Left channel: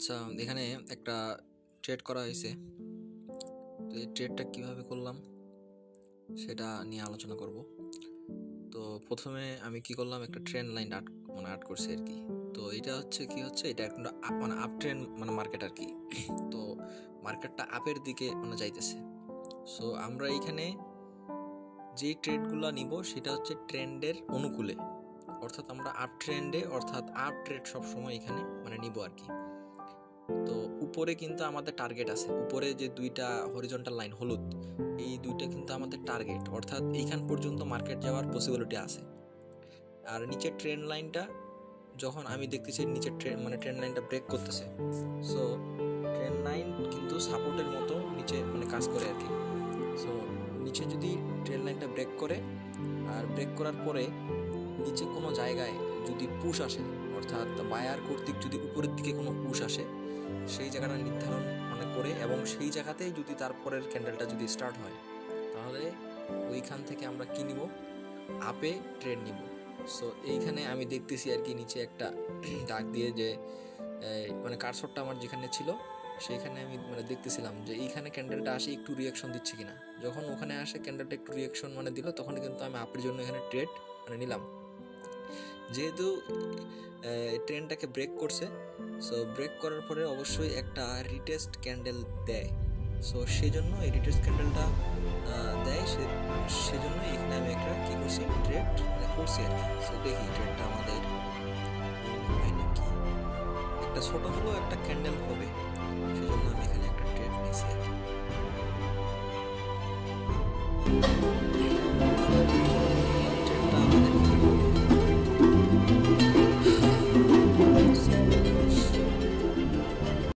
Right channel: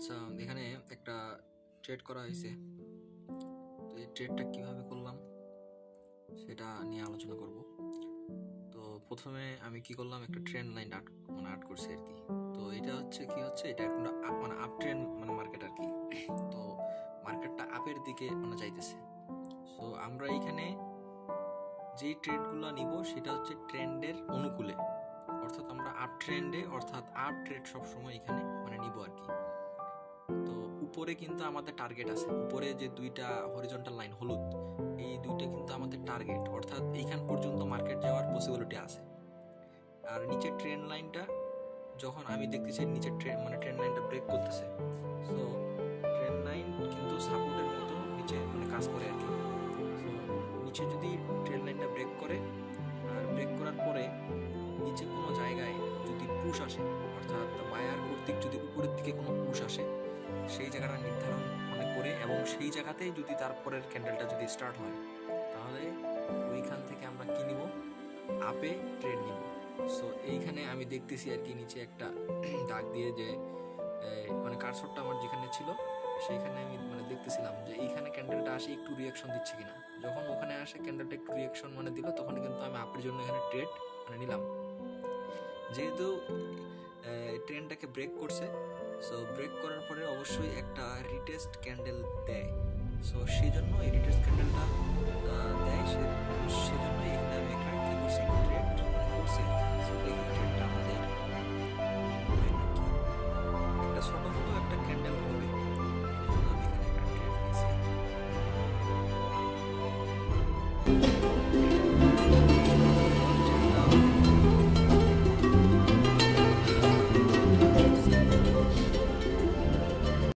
আচ্ছা, এখানে একটা ট্রেড করা হয়েছে। তো এই ট্রেডটা কিভাবে করলাম সেটা নিয়ে আলোচনা করব। তো প্রথমে আমি কি করলাম, একটা ট্রেন্ড লাইন আর্ট করছি আর কি। তো এটা হচ্ছে এটা একটা আপ ট্রেন্ড মার্কেট আর কি। তো মার্কেটটা আপের দিকে যাইতেছে। সো আমরা এইখানে যেই ট্রেডগুলো নিব সেটা হচ্ছে ট্রেন্ডের অনুকূলে, অর্থাৎ আমরা আপ ট্রেন্ডে অর্থাৎ আপ ট্রেড সবসময় এখানে নিব আর কি। তো উপরে কিন্তু আমাদের টার্গেট আছে, উপরে যে দুইটা হরিজন্টাল লাইন হলুদ, এই দুইটা কিন্তু আমাদের টার্গেট, অর্থাৎ এইখান পর্যন্ত মার্কেট যাওয়ার পসিবিলিটি আছে। আর নিচের ট্রেন্ড লাইনটা যখন আমি দেখতেছি নিচের ট্রেন্ড লাইনটা ব্রেক করতেছে, সো ট্রেন্ড লাইন কিন্তু সাপোর্টের মতো নিচে কাজ করে আর কি। সো নিচে যদি ট্রেন্ড লাইনটা ব্রেক করে, আর ব্রেক করার পরে নিচে কোনো জায়গায় যদি পুশ আসে, অর্থাৎ বায়ার কর্তৃক যদি উপরের দিকে কোনো পুশ আসে, সেই জায়গাটা নির্ধারণ করে এবং সেই জায়গাতেই যদি তারপরের ক্যান্ডেলটা যদি স্টার্ট হয়, তাহলে ওইখান থেকে আমরা কি নিব, আপে ট্রেড নিব। সো এইখানে আমি দেখতেছি আর কি নিচে একটা দাগ দিয়ে যে কারসরটা আমার যেখানে ছিল সেইখানে আমি দেখতেছিলাম যে এইখানে ক্যান্ডেলটা আসে একটু রিয়াকশন দিচ্ছে কিনা। যখন ওখানে আসে ক্যান্ডেলটা একটু রিয়াকশন দিল, তখন কিন্তু আমি আপের জন্য এখানে ট্রেড নিলাম। যেহেতু ট্রেনটাকে ব্রেক করছে, সো ব্রেক করার পরে অবশ্যই একটা রিটেস্ট ক্যান্ডেল দেয়। সো সেই জন্য এই রিটেস্ট ক্যান্ডেলটা দেয়, সেজন্য এখানে আমি একটা কি করছি, ট্রেড করছি আর কি। সো দেখি ট্রেডটা আমাদের হয় নাকি। একটা ছোট হলেও একটা ক্যান্ডেল হবে।